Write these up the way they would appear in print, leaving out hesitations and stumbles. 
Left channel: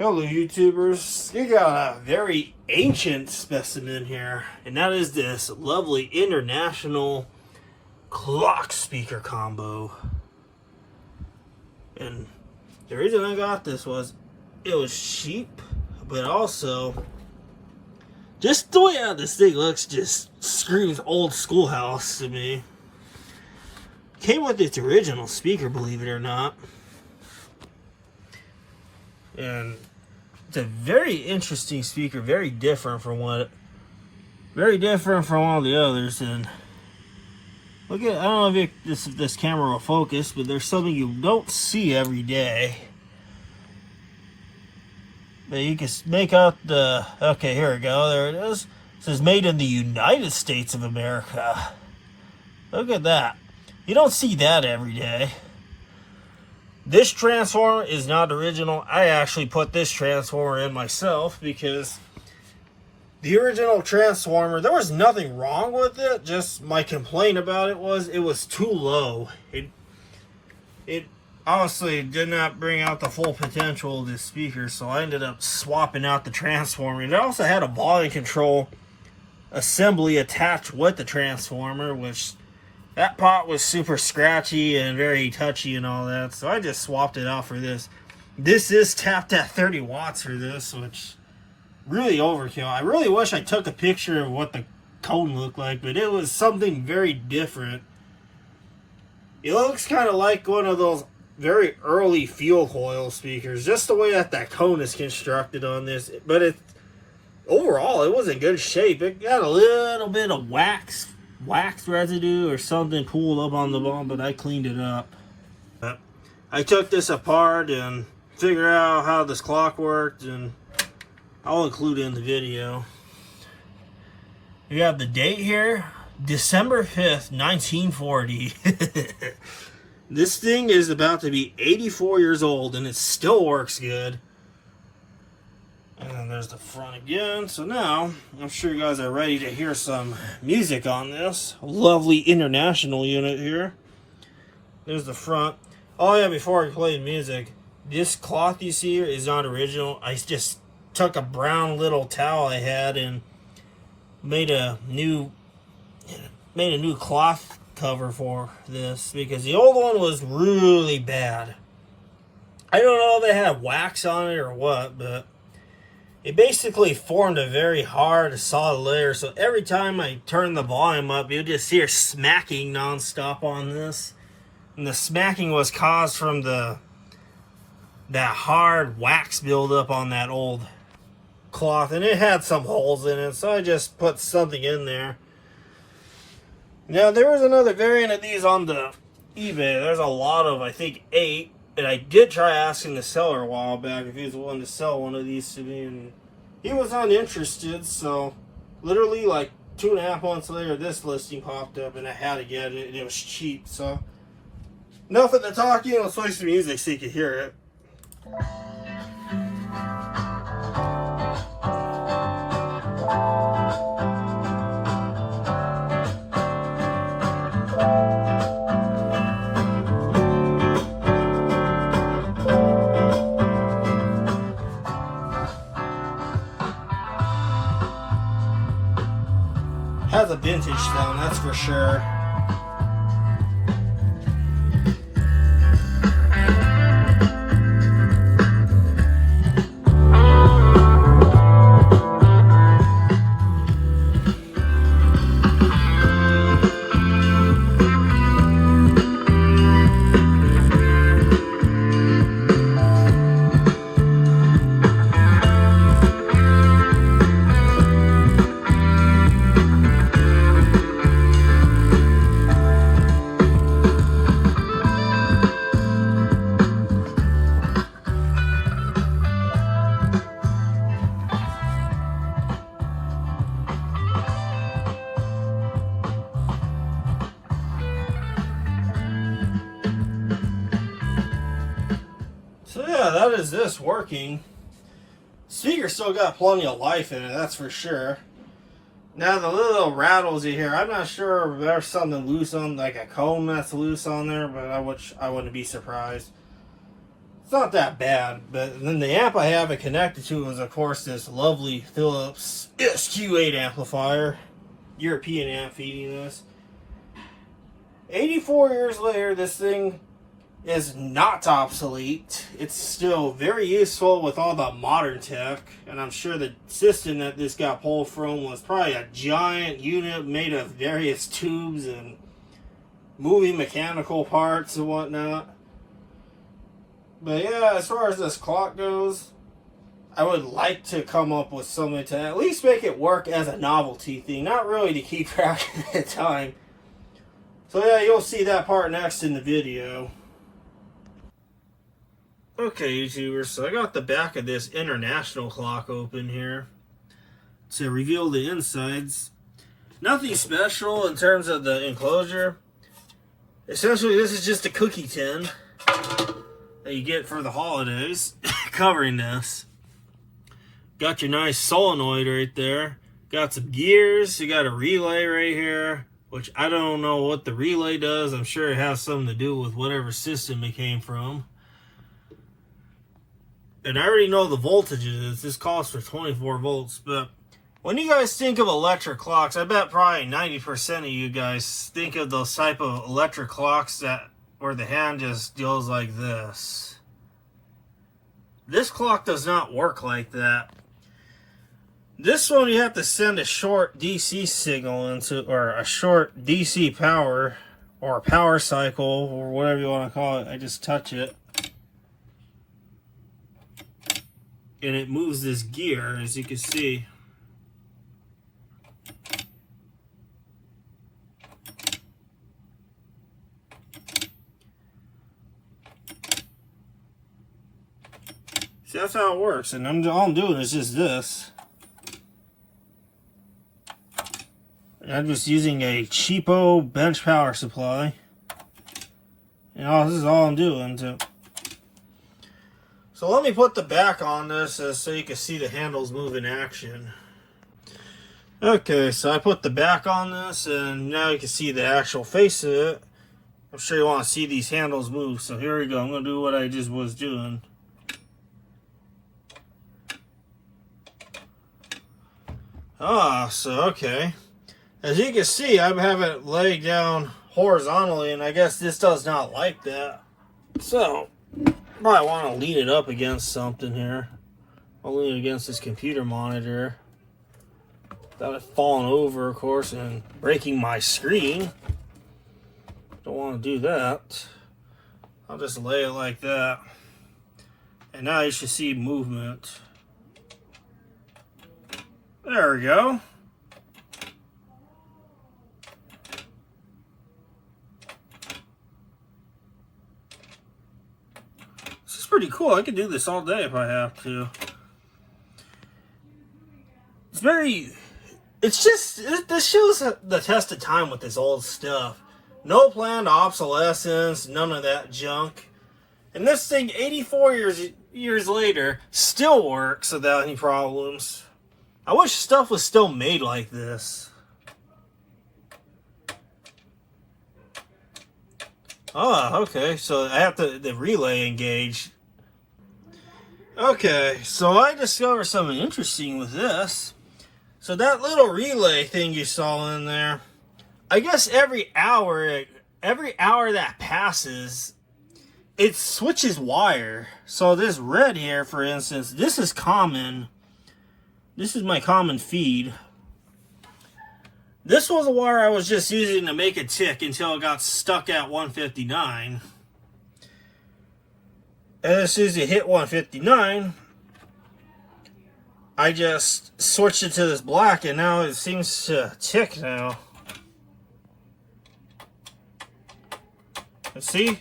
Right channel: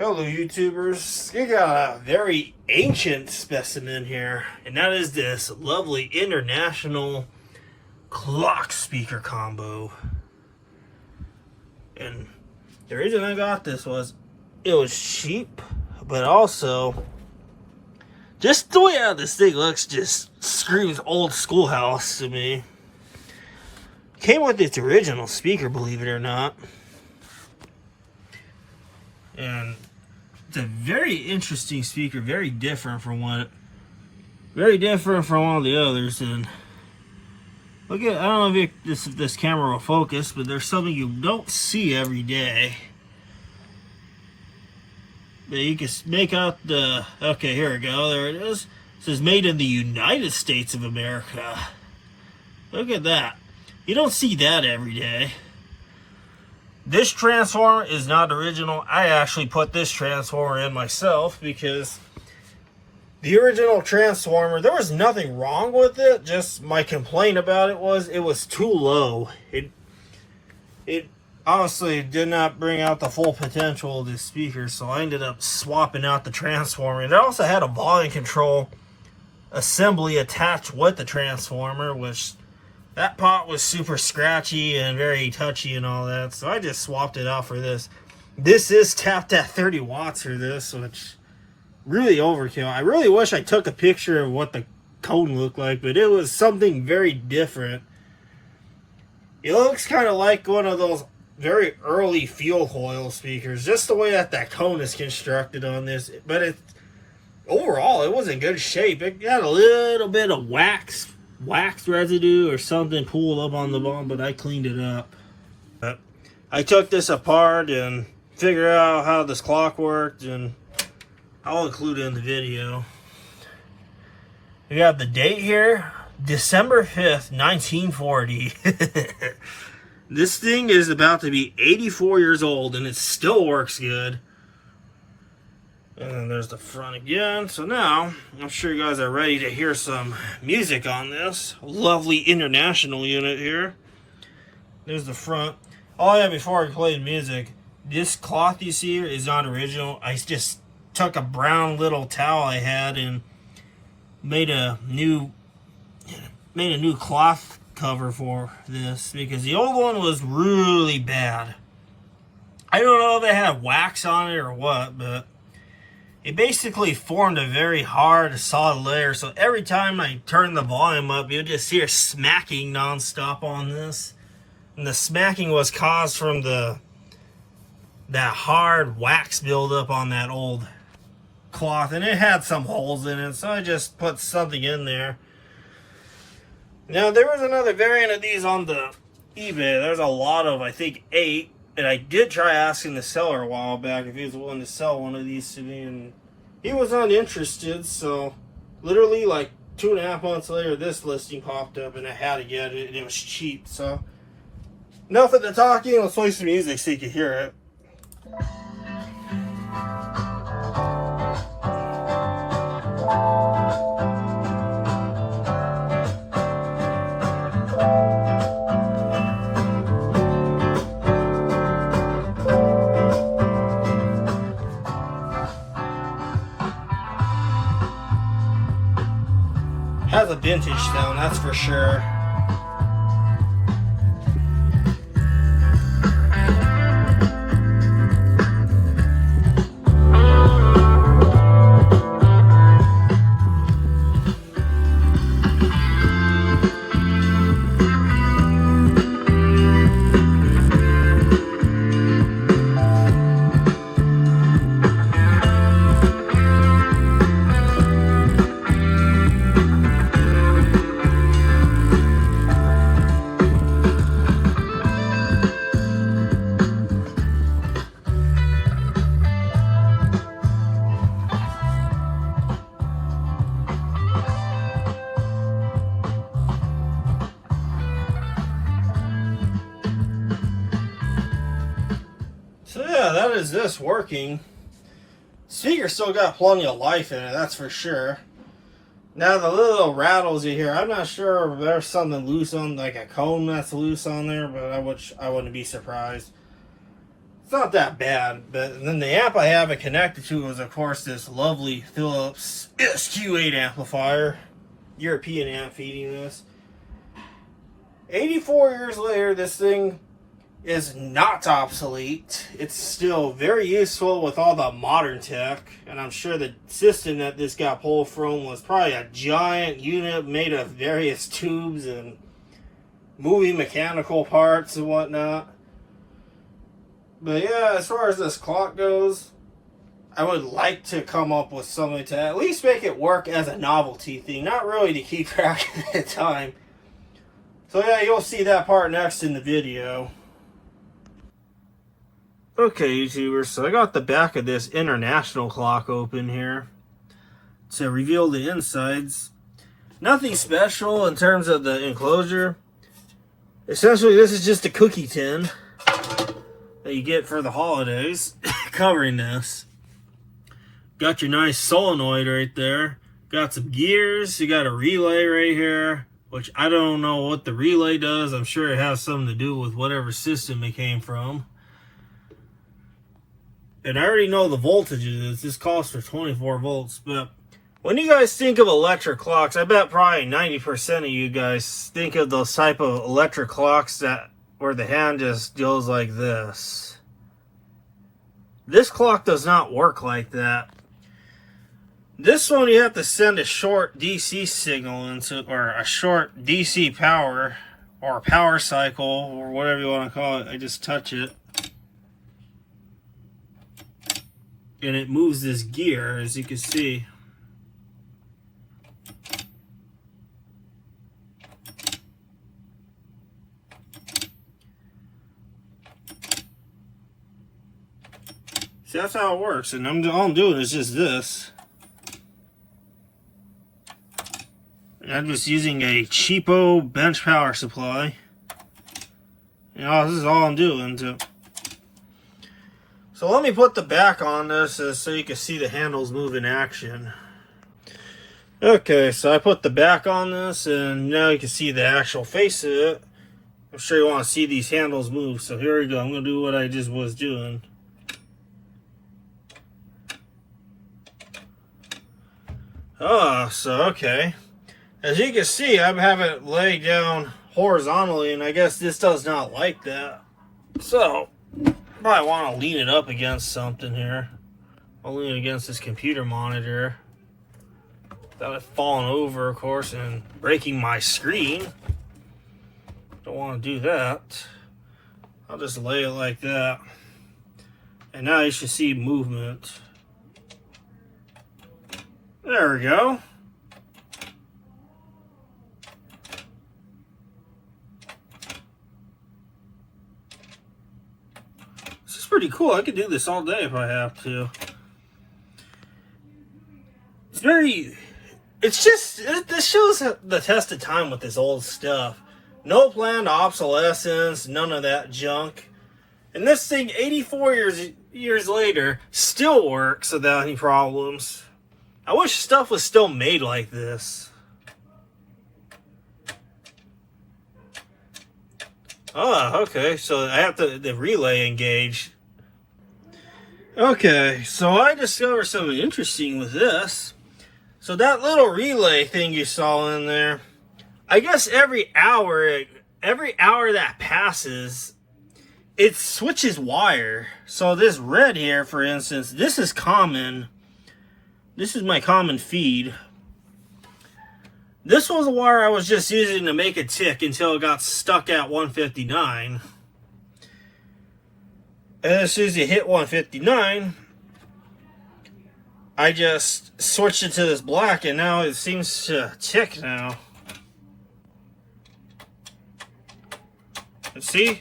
Hello YouTubers, you got a very ancient specimen here, and that is this lovely international clock speaker combo. And the reason I got this was it was cheap, but also just the way how this thing looks just screams old schoolhouse to me. Came with its original speaker, believe it or not. And it's a very interesting speaker, very different from all the others. And look at, I don't know if this camera will focus, but there's something you don't see every day. But you can make out the, okay, here we go, there it is. It says made in the United States of America. Look at that. You don't see that every day. This transformer is not original. I actually put this transformer in myself because the original transformer, there was nothing wrong with it. Just my complaint about it was too low. It honestly did not bring out the full potential of this speaker, so I ended up swapping out the transformer. And it also had a volume control assembly attached with the transformer, which that pot was super scratchy and very touchy and all that, so I just swapped it out for this. This is tapped at 30 watts for this, which really overkill. I really wish I took a picture of what the cone looked like, but it was something very different. It looks kind of like one of those very early fuel coil speakers, just the way that cone is constructed on this. But overall, it was in good shape. It got a little bit of wax residue or something pulled up on the bottom, but I cleaned it up. But I took this apart and figured out how this clock worked, and I'll include it in the video. We have the date here, December 5th, 1940. This thing is about to be 84 years old and it still works good. And then there's the front again. So now, I'm sure you guys are ready to hear some music on this lovely international unit here. There's the front. Oh yeah, before I play the music, this cloth you see here is not original. I just took a brown little towel I had and made a new cloth cover for this, because the old one was really bad. I don't know if they had wax on it or what, but it basically formed a very hard, solid layer. So every time I turn the volume up, you'll just hear smacking nonstop on this. And the smacking was caused from that hard wax buildup on that old cloth. And it had some holes in it, so I just put something in there. Now, there was another variant of these on the eBay. There's a lot of, I think, 8. And I did try asking the seller a while back if he was willing to sell one of these to me, and he was uninterested. So literally like 2.5 months later, this listing popped up and I had to get it, and it was cheap. So enough of the talking, let's play some music so you can hear it. Has a vintage sound, that's for sure. So yeah, that is this working. Speaker still got plenty of life in it, that's for sure. Now the little rattles you hear, I'm not sure if there's something loose on, like a cone that's loose on there, but I wouldn't be surprised. It's not that bad, but then the amp I have it connected to is, of course, this lovely Philips SQ8 amplifier. European amp feeding this. 84 years later, this thing is not obsolete. It's still very useful with all the modern tech, and I'm sure the system that this got pulled from was probably a giant unit made of various tubes and moving mechanical parts and whatnot. But yeah, as far as this clock goes, I would like to come up with something to at least make it work as a novelty thing, not really to keep track of the time. So yeah, you'll see that part next in the video. Okay, YouTubers, so I got the back of this international clock open here to reveal the insides. Nothing special in terms of the enclosure. Essentially, this is just a cookie tin that you get for the holidays covering this. Got your nice solenoid right there. Got some gears. You got a relay right here, which I don't know what the relay does. I'm sure it has something to do with whatever system it came from. And I already know the voltages. This calls for 24 volts, but when you guys think of electric clocks, I bet probably 90% of you guys think of those type of electric clocks that where the hand just goes like this. This clock does not work like that. This one you have to send a short DC signal into, or a short DC power, or power cycle, or whatever you want to call it. I just touch it. And it moves this gear, as you can see. See, that's how it works. And all I'm doing is just this. And I'm just using a cheapo bench power supply. You know, this is all I'm doing. So let me put the back on this so you can see the handles move in action. Okay, so I put the back on this and now you can see the actual face of it. I'm sure you want to see these handles move. So here we go. I'm going to do what I just was doing. So okay. As you can see, I have it laid down horizontally and I guess this does not like that. So probably want to lean it up against something here. I'll lean it against this computer monitor without it falling over, of course, and breaking my screen. Don't want to do that. I'll just lay it like that. And now you should see movement. There we go. Pretty cool. I could do this all day if I have to. This shows the test of time with this old stuff. No planned obsolescence, none of that junk. And this thing, 84 years later, still works without any problems. I wish stuff was still made like this. Okay, so I have the relay engaged. Okay, so I discovered something interesting with this. So that little relay thing you saw in there, I guess every hour that passes, it switches wire. So this red here, for instance, this is common. This is my common feed. This was a wire I was just using to make it tick until it got stuck at 159. And as soon as you hit 159, I just switched it to this black and now it seems to tick now. And see?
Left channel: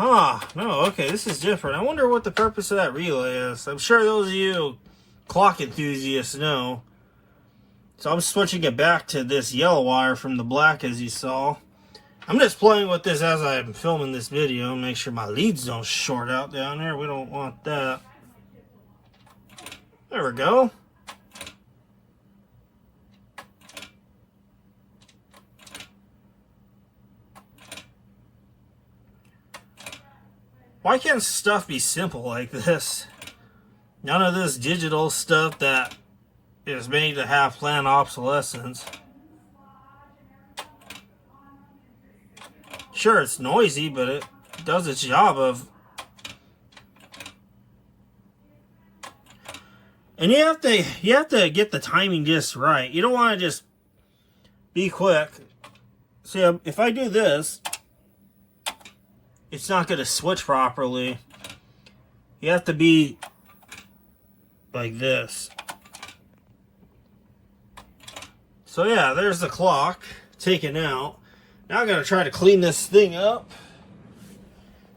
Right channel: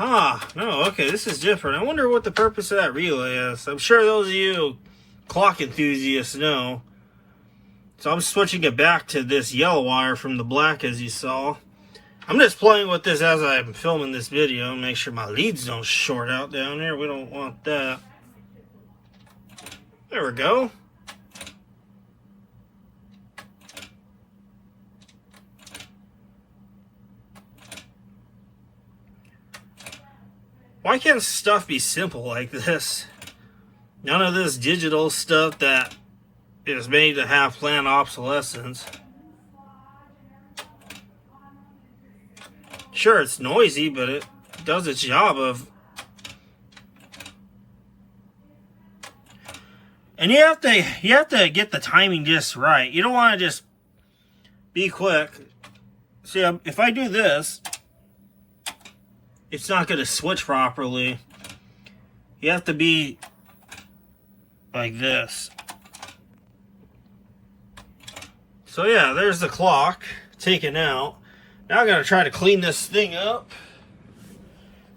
No, okay, this is different. I wonder what the purpose of that relay is. I'm sure those of you clock enthusiasts know. So I'm switching it back to this yellow wire from the black as you saw. I'm just playing with this as I'm filming this video. Make sure my leads don't short out down there. We don't want that. There we go. Why can't stuff be simple like this? None of this digital stuff that is made to have planned obsolescence. Sure, it's noisy, but it does its job of... And you have to get the timing just right. You don't want to just be quick. See, if I do this, it's not going to switch properly. You have to be like this. So yeah, there's the clock taken out. Now I'm going to try to clean this thing up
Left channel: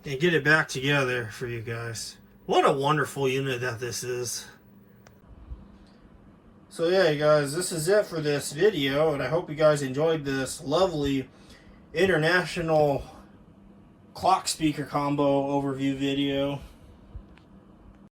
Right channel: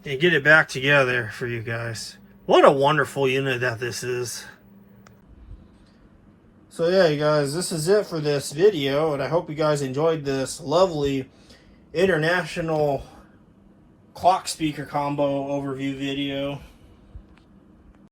and get it back together for you guys. What a wonderful unit that this is. So yeah, you guys, this is it for this video, and I hope you guys enjoyed this lovely international clock speaker combo overview video.